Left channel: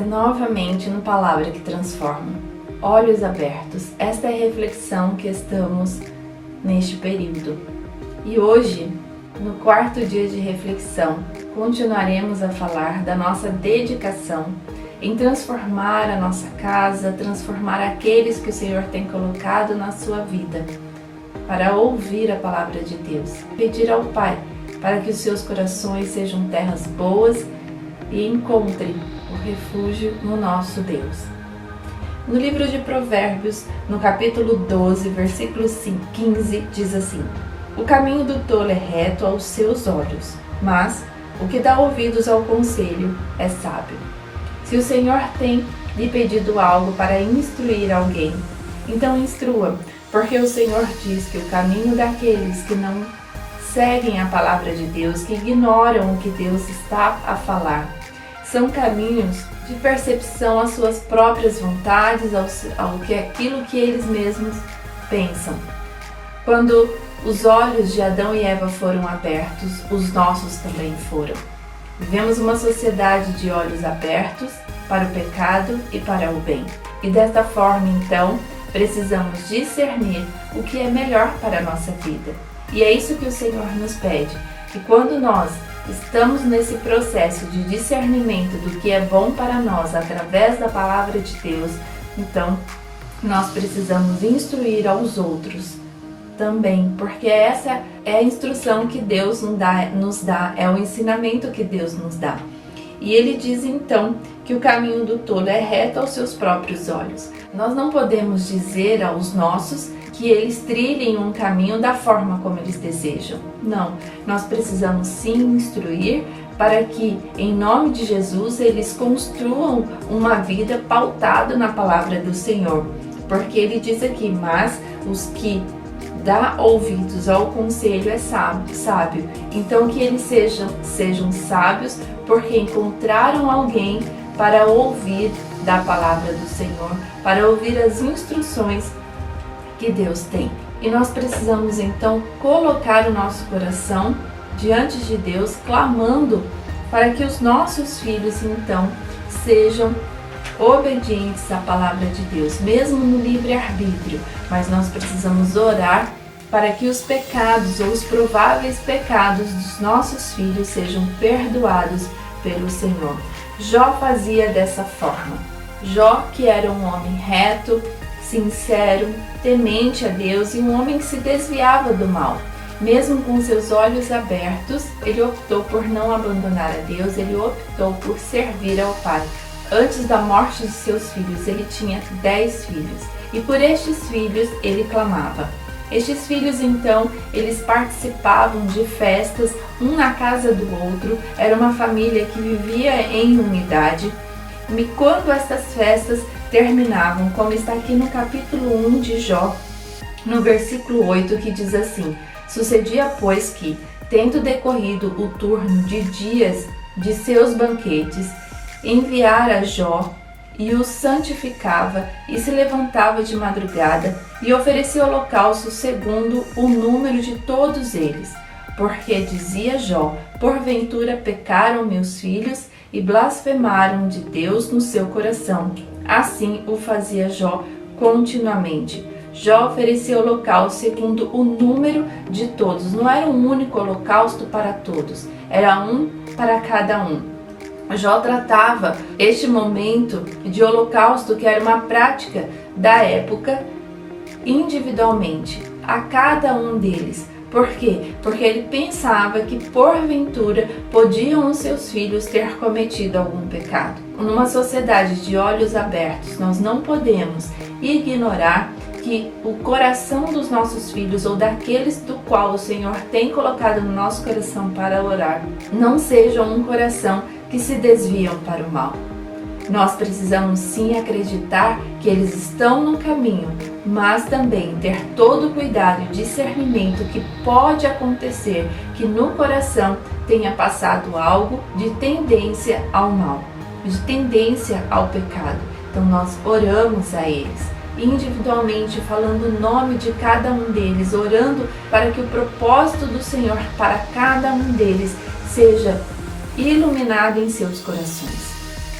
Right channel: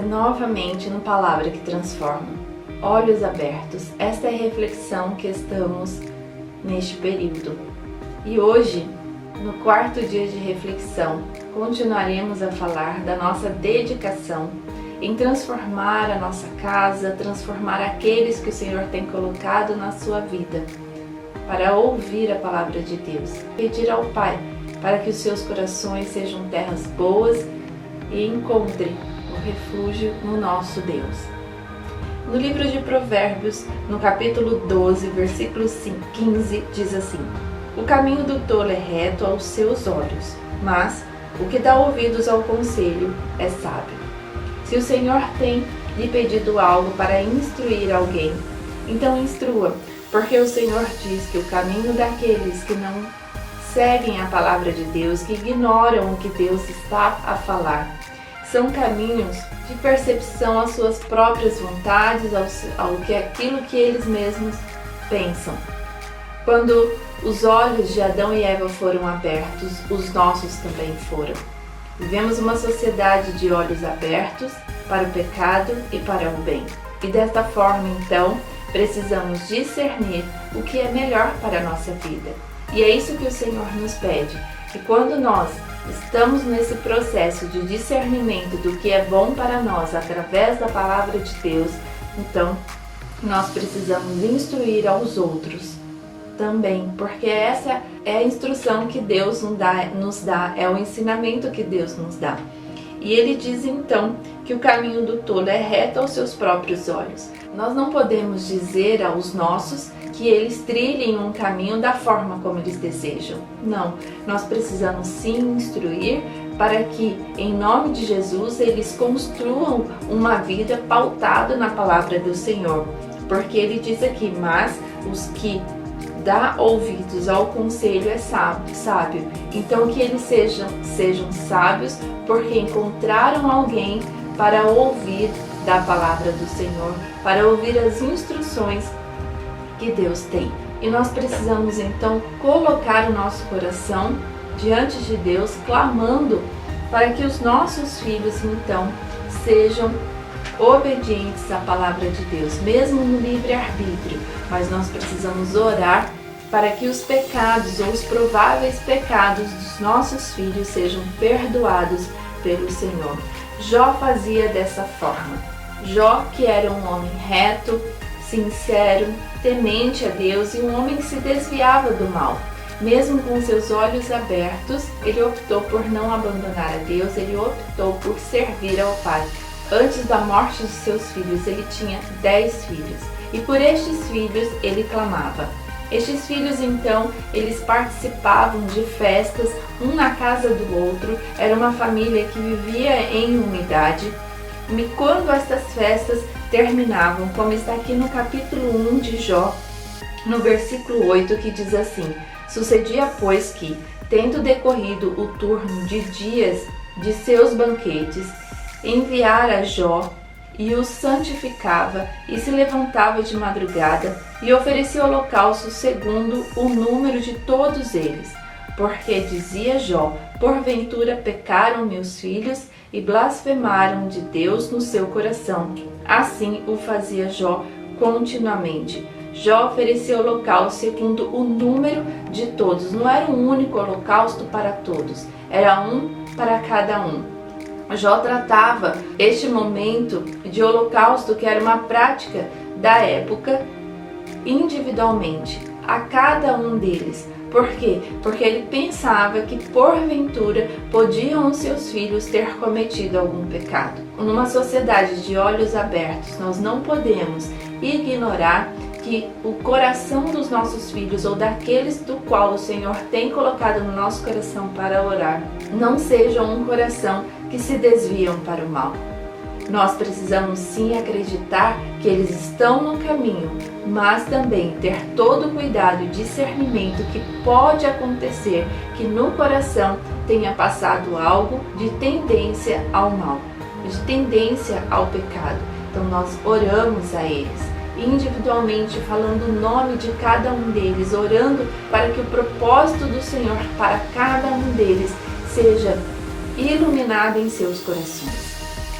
você novamente no Palavra que Transforma. Olhos abertos, esta é a reflexão que estamos neste período. E hoje, no quarto dia de reflexão, continuaremos a falar da nossa dedicação em transformar a nossa casa, transformar aqueles que o Senhor tem colocado na sua vida, para ouvir a Palavra de Deus. Pedir ao Pai para que os seus corações sejam terras boas e encontrem o refúgio no nosso Deus. No livro de Provérbios, no capítulo 12, versículo 15, diz assim: O caminho do tolo é reto aos seus olhos, mas o que dá ouvidos ao conselho é sábio. Se o Senhor tem lhe pedido algo para instruir alguém, então instrua, porque o Senhor diz que o caminho daqueles que não seguem a palavra de Deus, que ignoram o que Deus está a falar, são caminhos de percepção às suas próprias vontades, aquilo que eles mesmos pensam. Quando os olhos de Adão e Eva foram abertos, os nossos também foram. Vivemos uma sociedade de olhos abertos para o pecado e para o bem. E desta forma, então, precisamos discernir o que é melhor para a nossa vida. E é isso que o Senhor nos pede, que quando nós estamos nesse processo de discernimento do que é bom para nós através da Palavra de Deus, então nós precisamos instruir aos outros também, porque essa é a instrução que Deus nos dá, é o ensinamento que Deus nos dá. E ele diz então que o caminho do tolo é reto aos seus próprios olhos. Nós não podemos dizer aos nossos que eles trilhem um caminho da forma como eles desejam. Não, nós precisamos sim instruir para que, em nome de Jesus, eles construam uma vida pautada na palavra do Senhor. Porque ele diz aqui, mas os que dá ouvidos ao conselho é sábio. Então que eles sejam sábios, porque encontraram alguém para ouvir da palavra do Senhor, para ouvir as instruções que Deus tem. E nós precisamos então colocar o nosso coração diante de Deus, clamando para que os nossos filhos então sejam obedientes à palavra de Deus, mesmo no livre-arbítrio. Mas nós precisamos orar para que os pecados ou os prováveis pecados dos nossos filhos sejam perdoados pelo Senhor. Jó fazia dessa forma. Jó, que era um homem reto, sincero, temente a Deus e um homem que se desviava do mal. Mesmo com seus olhos abertos, ele optou por não abandonar a Deus, ele optou por servir ao Pai. Antes da morte de seus filhos, ele tinha 10 filhos. E por estes filhos, ele clamava. Estes filhos, então, eles participavam de festas, um na casa do outro. Era uma família que vivia em unidade. E quando estas festas terminavam, como está aqui no capítulo 1 de Jó, no versículo 8, que diz assim: Sucedia, pois, que, tendo decorrido o turno de dias de seus banquetes, enviara Jó e os santificava e se levantava de madrugada e oferecia holocausto segundo o número de todos eles. Porque dizia Jó: porventura pecaram meus filhos e blasfemaram de Deus no seu coração. Assim o fazia Jó continuamente. Jó oferecia holocausto segundo o número de todos. Não era um único holocausto para todos, era um para cada um. Jó tratava este momento de holocausto, que era uma prática da época, individualmente, a cada um deles. Por quê? Porque ele pensava que porventura podiam os seus filhos ter cometido algum pecado. Numa sociedade de olhos abertos, nós não podemos ignorar que o coração dos nossos filhos ou daqueles do qual o Senhor tem colocado no nosso coração para orar, não seja um coração que se desviam para o mal. Nós precisamos sim acreditar que eles estão no caminho, mas também ter todo o cuidado e discernimento que pode acontecer que no coração tenha passado algo de tendência ao mal, de tendência ao pecado. Então nós oramos a eles, individualmente, falando o nome de cada um deles, orando para que o propósito do Senhor para cada um deles seja iluminado em seus corações.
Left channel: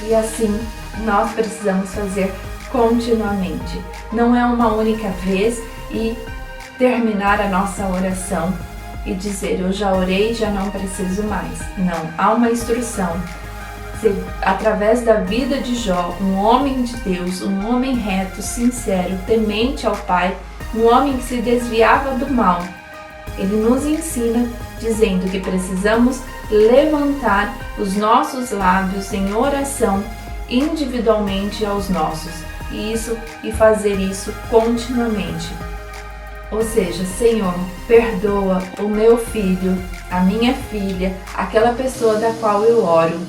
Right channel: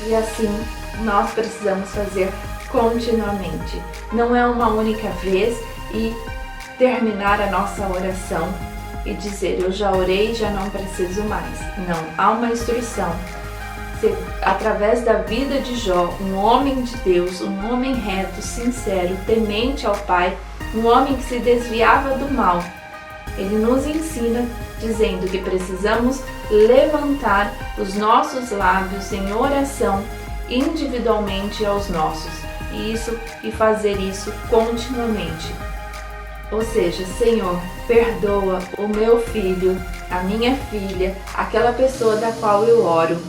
E assim nós precisamos fazer continuamente. Não é uma única vez e terminar a nossa oração e dizer eu já orei, já não preciso mais. Não, há uma instrução. Através da vida de Jó, um homem de Deus, um homem reto, sincero, temente ao Pai, um homem que se desviava do mal, ele nos ensina dizendo que precisamos levantar os nossos lábios em oração individualmente aos nossos e fazer isso continuamente. Ou seja, Senhor, perdoa o meu filho, a minha filha, aquela pessoa da qual eu oro,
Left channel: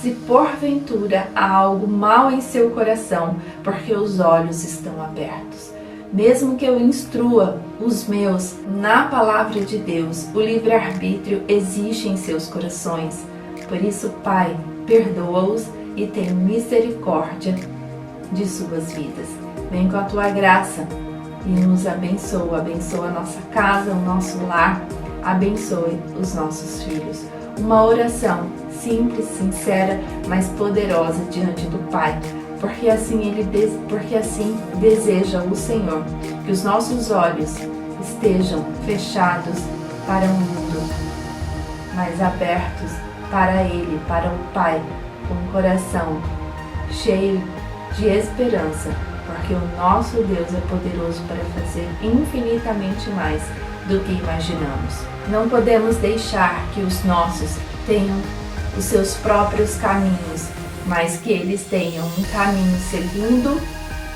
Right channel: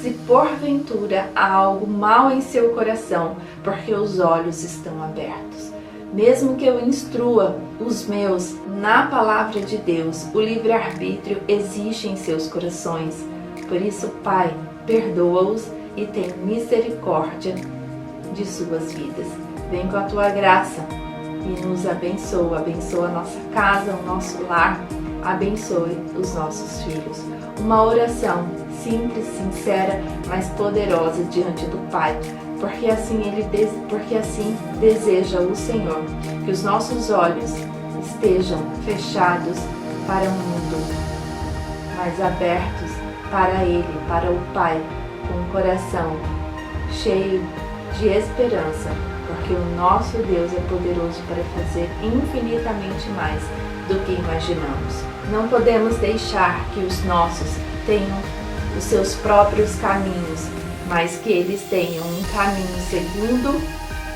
se porventura há algo mal em seu coração, porque os olhos estão abertos. Mesmo que eu instrua os meus na palavra de Deus, o livre-arbítrio existe em seus corações. Por isso, Pai, perdoa-os e tem misericórdia de suas vidas. Vem com a tua graça e nos abençoa. Abençoa a nossa casa, o nosso lar. Abençoe os nossos filhos. Uma oração simples, sincera, mas poderosa diante do Pai. Porque assim deseja o Senhor, que os nossos olhos estejam fechados para o mundo, mas abertos para Ele, para o Pai, com o coração cheio de esperança, porque o nosso Deus é poderoso para fazer infinitamente mais do que imaginamos. Não podemos deixar que os nossos tenham os seus próprios caminhos, mas que eles tenham um caminho segundo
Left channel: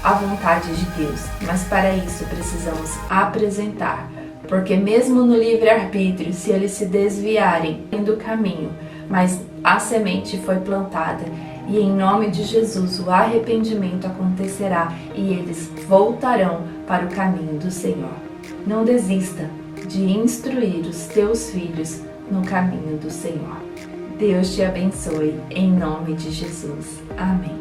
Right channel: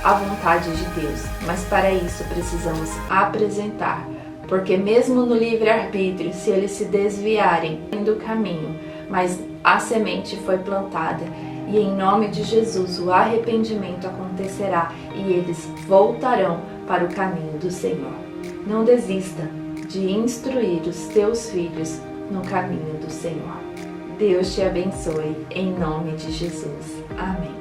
a vontade de Deus. Mas para isso precisamos apresentar, porque mesmo no livre-arbítrio, se eles se desviarem do caminho, mas a semente foi plantada e em nome de Jesus o arrependimento acontecerá e eles voltarão para o caminho do Senhor. Não desista de instruir os teus filhos no caminho do Senhor. Deus te abençoe, em nome de Jesus. Amém.